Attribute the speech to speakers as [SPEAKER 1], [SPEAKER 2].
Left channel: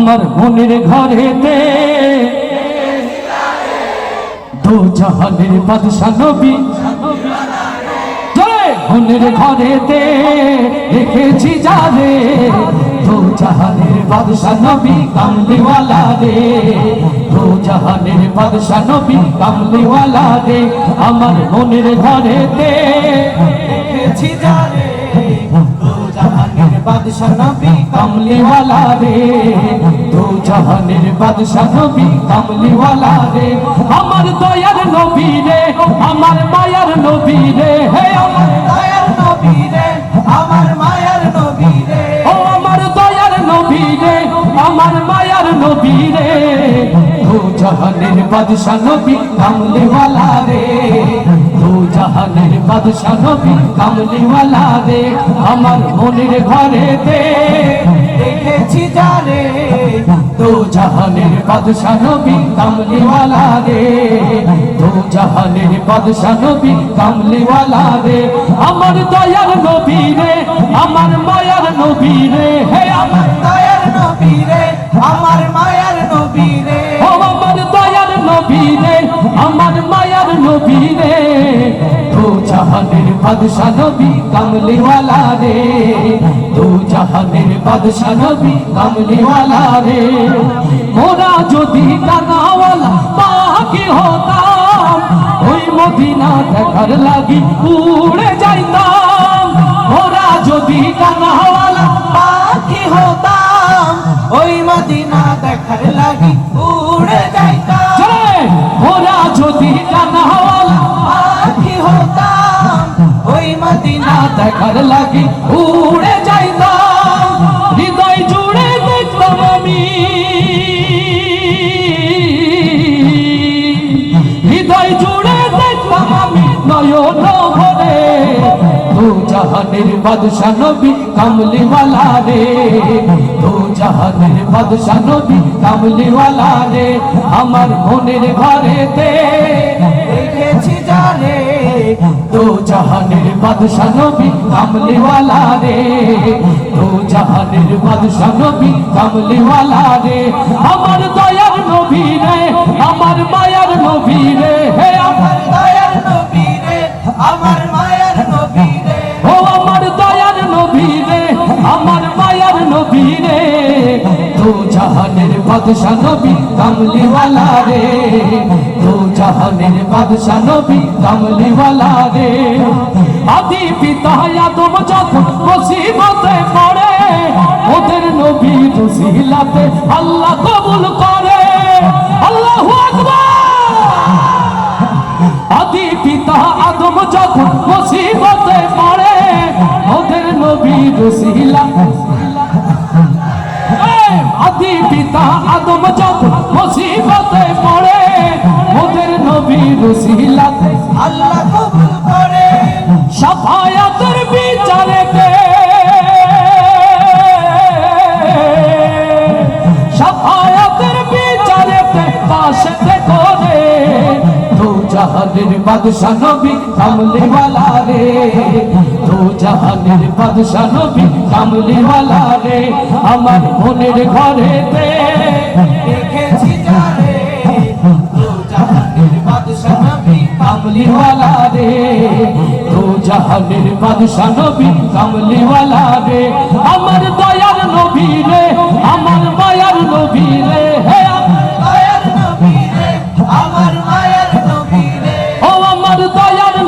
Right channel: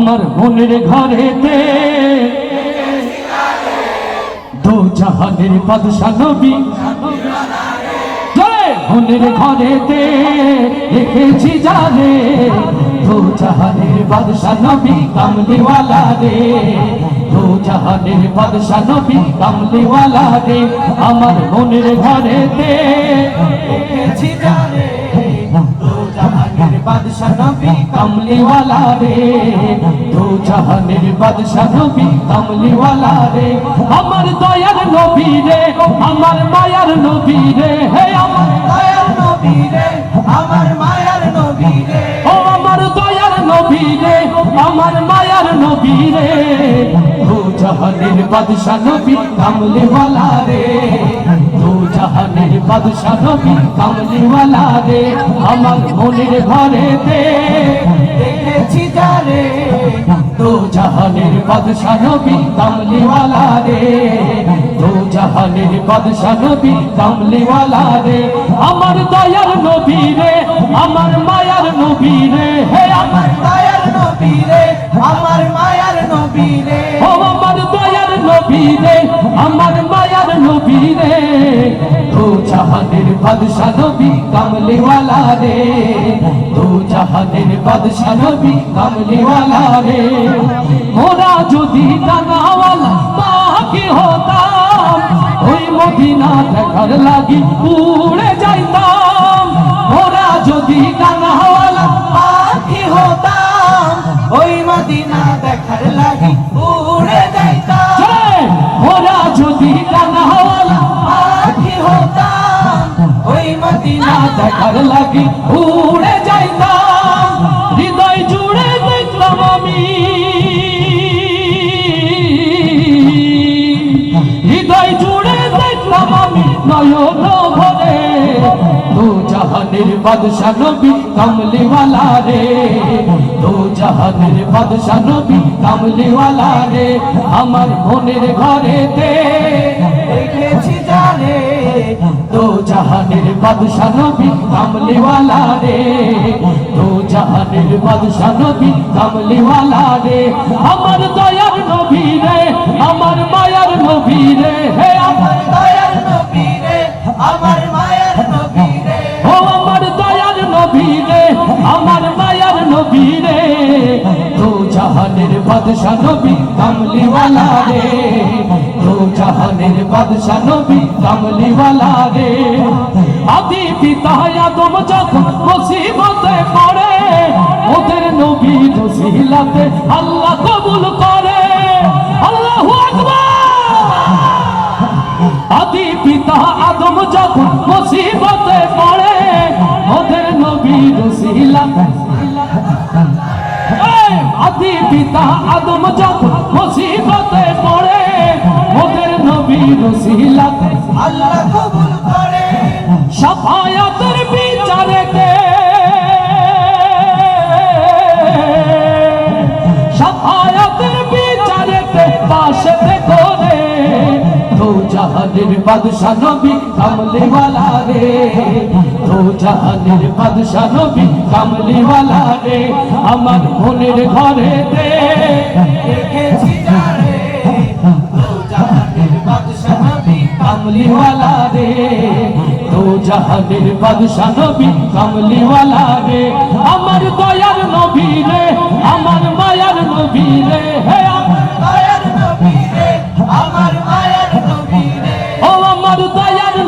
[SPEAKER 1] আমার মনের ঘরেতে। দু জাহানের বাদশা নবী। মনের ঘরেতে দেখেছি যারে দু জাহানের বাদশা নবী কামলিওয়ালা রে। দু জাহানের বাদশা নবী কামলিওয়ালা রে। আমার মনের ঘরেতে দেখেছি যারে বাদশা নবী কামলিওয়ালা রে। জাহানের বাদশা নবী কামলিওয়ালা রে, আমার দয়ার নবী রে, আমার দয়ার নবী রে, হে আমার দয়ার নবী রে, আমার মায়ার নবী রে। ও আমার দয়ার নবী রে, আমার মায়ার নবী রে। দু জাহানের বাদশা নবী কামলিওয়ালা রে দু জাহানের বাদশা নবী কামলিওয়ালা রে, আমার মনের ঘরেতে জাহানের বাদশা নবী কামলিওয়ালা রে। দু জাহানের বাদশা নবী কামলিওয়ালা রে। আমার দয়ার নবী রে আমার মায়ার নবী রে। হে আমার
[SPEAKER 2] দয়ার নবী রে আমার মায়ার নবী রে।
[SPEAKER 1] আমার দয়ার নবী রে আমার মায়ার নবী রে। দু জাহানের বাদশা নবী কামলিওয়ালা রে। বাদশা নবী রে। মোরা যদি টাকাওয়ালা হতাম। ওই মদিনা দেখার লাগি উড়ে যাইতাম। মোরা যদি টাকাওয়ালা
[SPEAKER 2] পাখি হতাম। ওই মদিনা দেখার লাগি উড়ে যাইতাম।
[SPEAKER 1] মোরা যদি টাকাওয়ালা
[SPEAKER 2] পাখি হতাম। ওই মদিনা
[SPEAKER 1] দেখার লাগি উড়ে ভরে দু জাহানের বাদশা নবী কামলিওয়ালা রে। দু জাহানের বাদশা নবী কামলিওয়ালা রে, আমার মনের ঘরেতে।
[SPEAKER 2] দেখেছি জানে,
[SPEAKER 1] দু জাহানের বাদশা নবী কামলিওয়ালা রে। দু জাহানের বাদশা নবী কামলিওয়ালা রে। আমার দয়ার নবী রে জাহানের বাদশা নবী কামলিওয়ালা রে। আদি পিতা আদম যখন মুসিবতে পড়ে, ওদের নবী রসিলাতে আল্লাহ কবুল করে। আল্লাহু আকবার। আদি পিতা আদম যখন মুসিবতে কাশেতে করে দু জাহানের বাদশা নবী কামলিওয়ালা রে। দু জাহানের বাদশা নবী কামলিওয়ালা রে। আমার মনের ঘরেতে
[SPEAKER 2] দেখেছি জানে দু জাহানের বাদশা নবী
[SPEAKER 1] জাহানের বাদশা নবী কামলিওয়ালা রে।